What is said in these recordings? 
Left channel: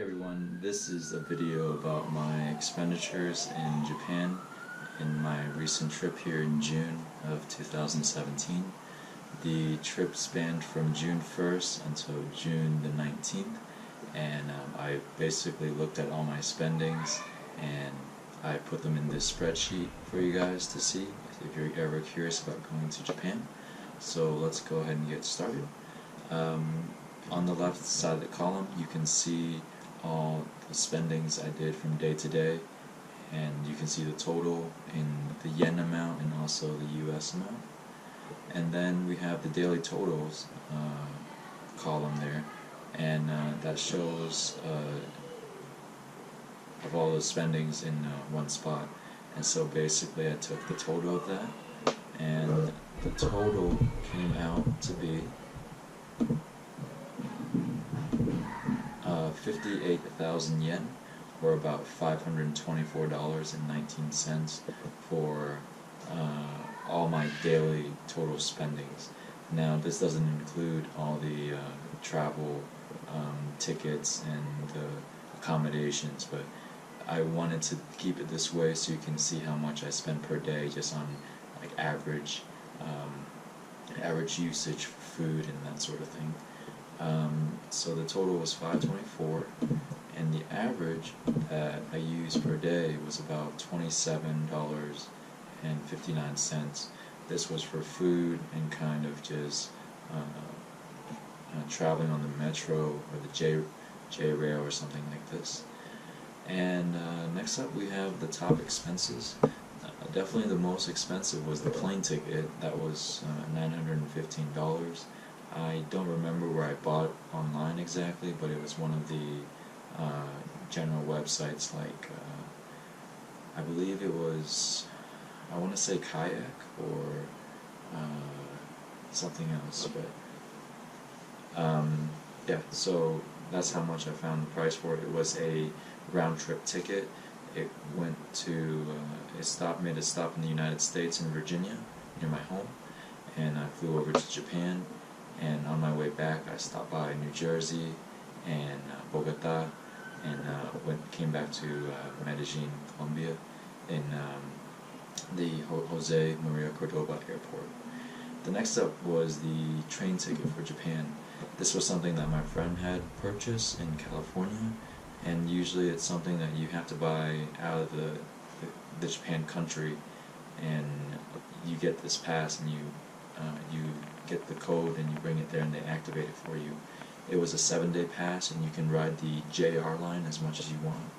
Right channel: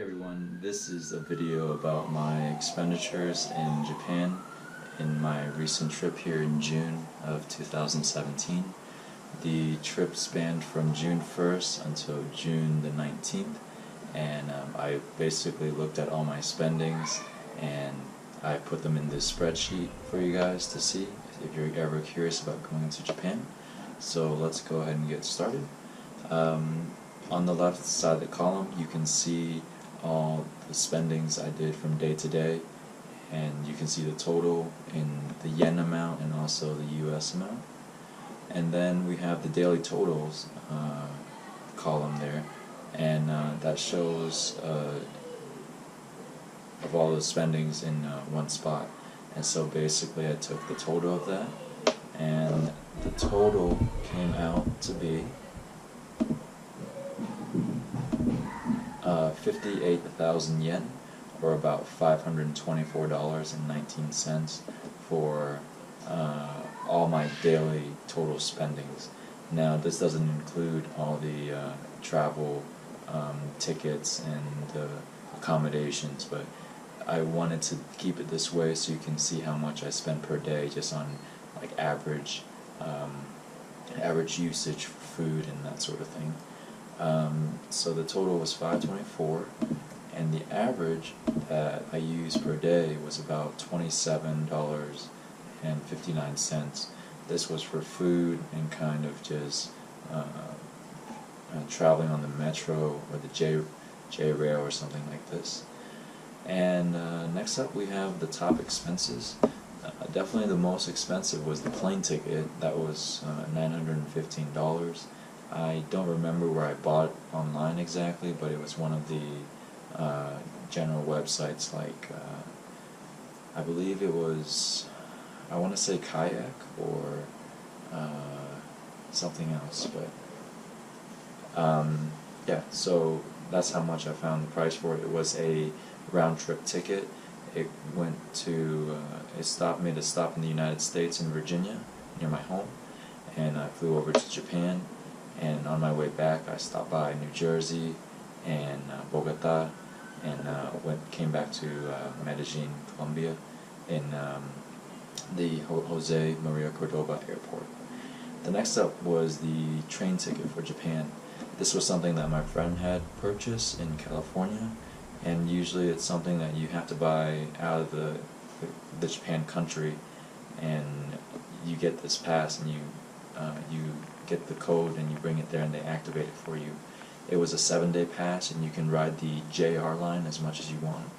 Hey everyone, this is a video about my expenditures in Japan in my recent trip here in June of 2017. The trip spanned from June 1st until June the 19th, and I basically looked at all my spendings and I put them in this spreadsheet for you guys to see if you're ever curious about going to Japan. So let's go ahead and get started. On the left side of the column you can see all the spendings I did from day to day, and you can see the total in the yen amount and also the US amount. And then we have the daily totals column there, and that shows of all the spendings in one spot. And so basically I took the total of that, and the total came out to be 58,000 yen, or about $524.19 for all my daily total spendings. Now this doesn't include all the travel tickets and accommodations, but I wanted to keep it this way so you can see how much I spend per day just on like average usage for food and that sort of thing. So the total was $524, and the average that I used per day was about $27.59. This was for food and kind of just traveling on the metro or the J rail or something like this. And next up we have the top expenses. Definitely the most expensive was the plane ticket. That was $915. I don't remember where I bought it online exactly, but it was one of the general websites like, I believe it was, I want to say Kayak or something else, but yeah, so that's how much I found the price for it. It was a round-trip ticket. It went to, made a stop in the United States in Virginia, near my home, and I flew over to Japan. And on my way back, I stopped by New Jersey and Bogota, and came back to Medellin, Colombia, in the Jose Maria Cordoba airport. The next up was the train ticket for Japan. This was something that my friend had purchased in California, and usually it's something that you have to buy out of the Japan country, and you get this pass and you get the code and you bring it there and they activate it for you. It was a 7-day pass, and you can ride the JR line as much as you want.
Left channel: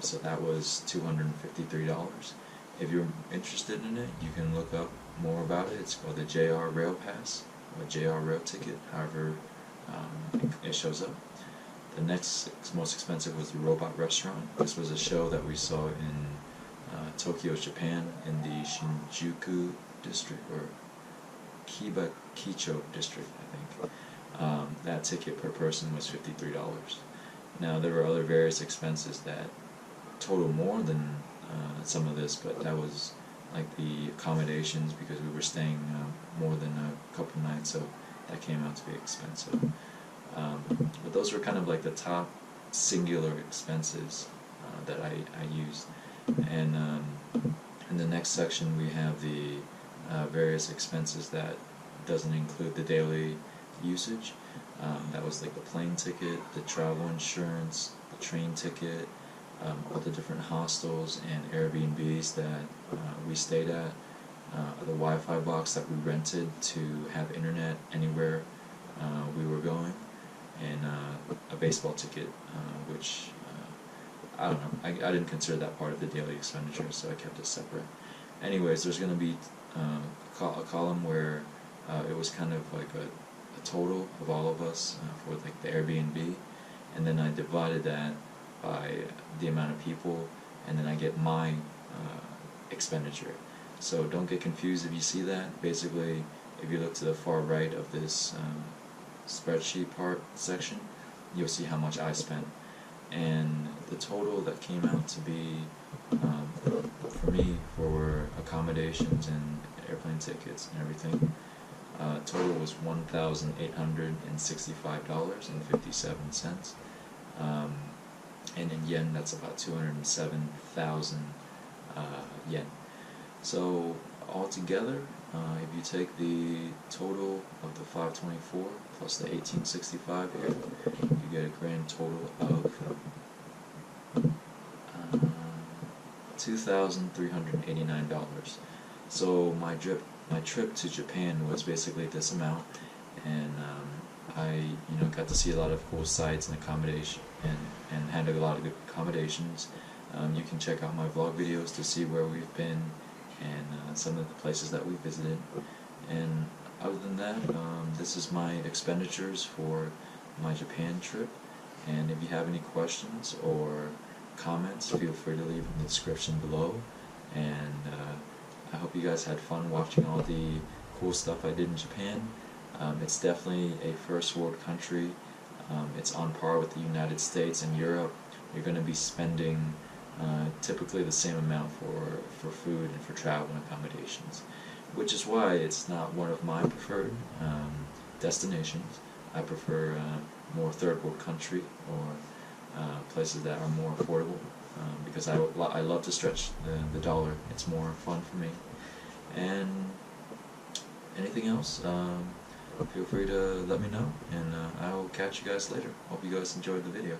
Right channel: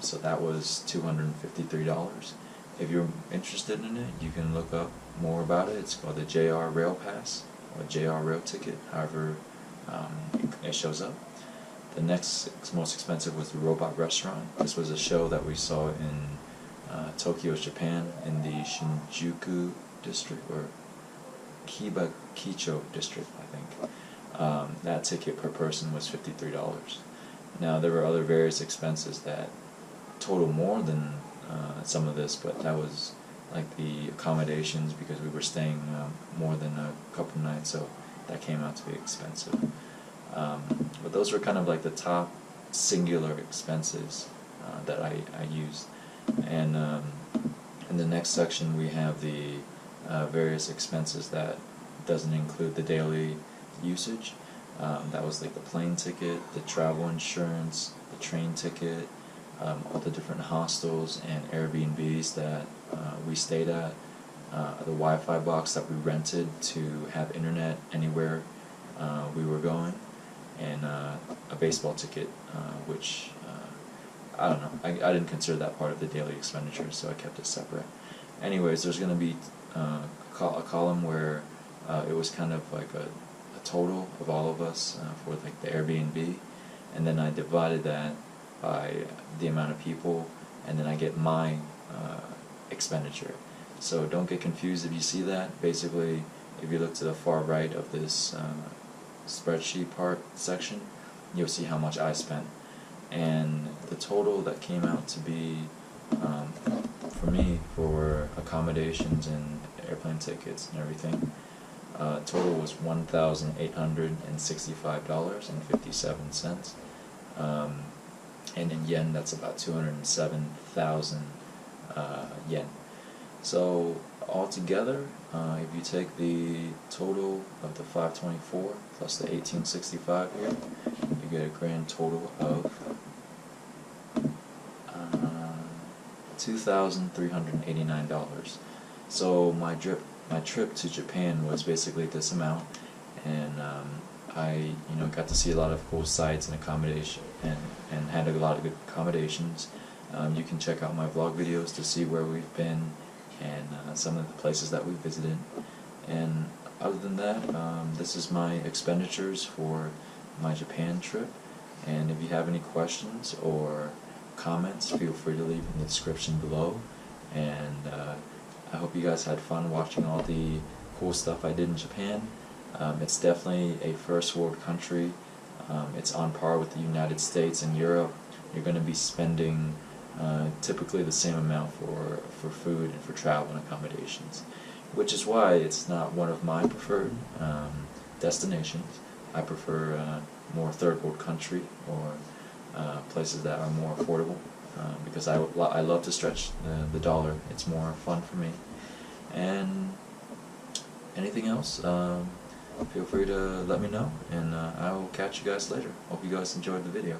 So that was $253. If you're interested in it, you can look up more about it. It's called the JR Rail Pass or JR Rail Ticket, however it shows up. The next most expensive was the Robot Restaurant. This was a show that we saw in Tokyo, Japan, in the Shinjuku district, or Kicho district, I think. That ticket per person was $53. Now there were other various expenses that total more than some of this, but that was like the accommodations, because we were staying more than a couple nights, so that came out to be expensive. But those were kind of like the top singular expenses that I used. And in the next section we have the various expenses that doesn't include the daily usage. That was like the plane ticket, the travel insurance, the train ticket, all the different hostels and Airbnbs that we stayed at, the Wi-Fi box that we rented to have internet anywhere we were going, and a baseball ticket, which I don't know, I didn't consider that part of the daily expenditure, so I kept it separate. Anyways, there's going to be a column where it was kind of like a total of all of us for like the Airbnb, and then I divided that by the amount of people, and then I get my expenditure. So don't get confused if you see that. Basically, if you look to the far right of this spreadsheet part section, you'll see how much I spent. And the total that came out to be, for me, for accommodations and airplane tickets and everything, total was $1,865.57. and in yen that's about 207,000 yen. So altogether, if you take the total of the 524 plus the 1865 here, you get a grand total of $2,389. So my trip to Japan was basically this amount, and I got to see a lot of cool sites and accommodation and had a lot of good accommodations. You can check out my vlog videos to see where we've been and some of the places that we visited. And other than that, this is my expenditures for my Japan trip. And if you have any questions or comments, feel free to leave in the description below. And I hope you guys had fun watching all the cool stuff I did in Japan. It's definitely a first world country. It's on par with the United States and Europe. You're going to be spending typically the same amount for food and for travel and accommodations, which is why it's not one of my preferred destinations. I prefer more third world country or places that are more affordable, because I love to stretch the dollar. It's more fun for me. And anything else, feel free to let me know, and I will catch you guys later. Hope you guys enjoyed the video.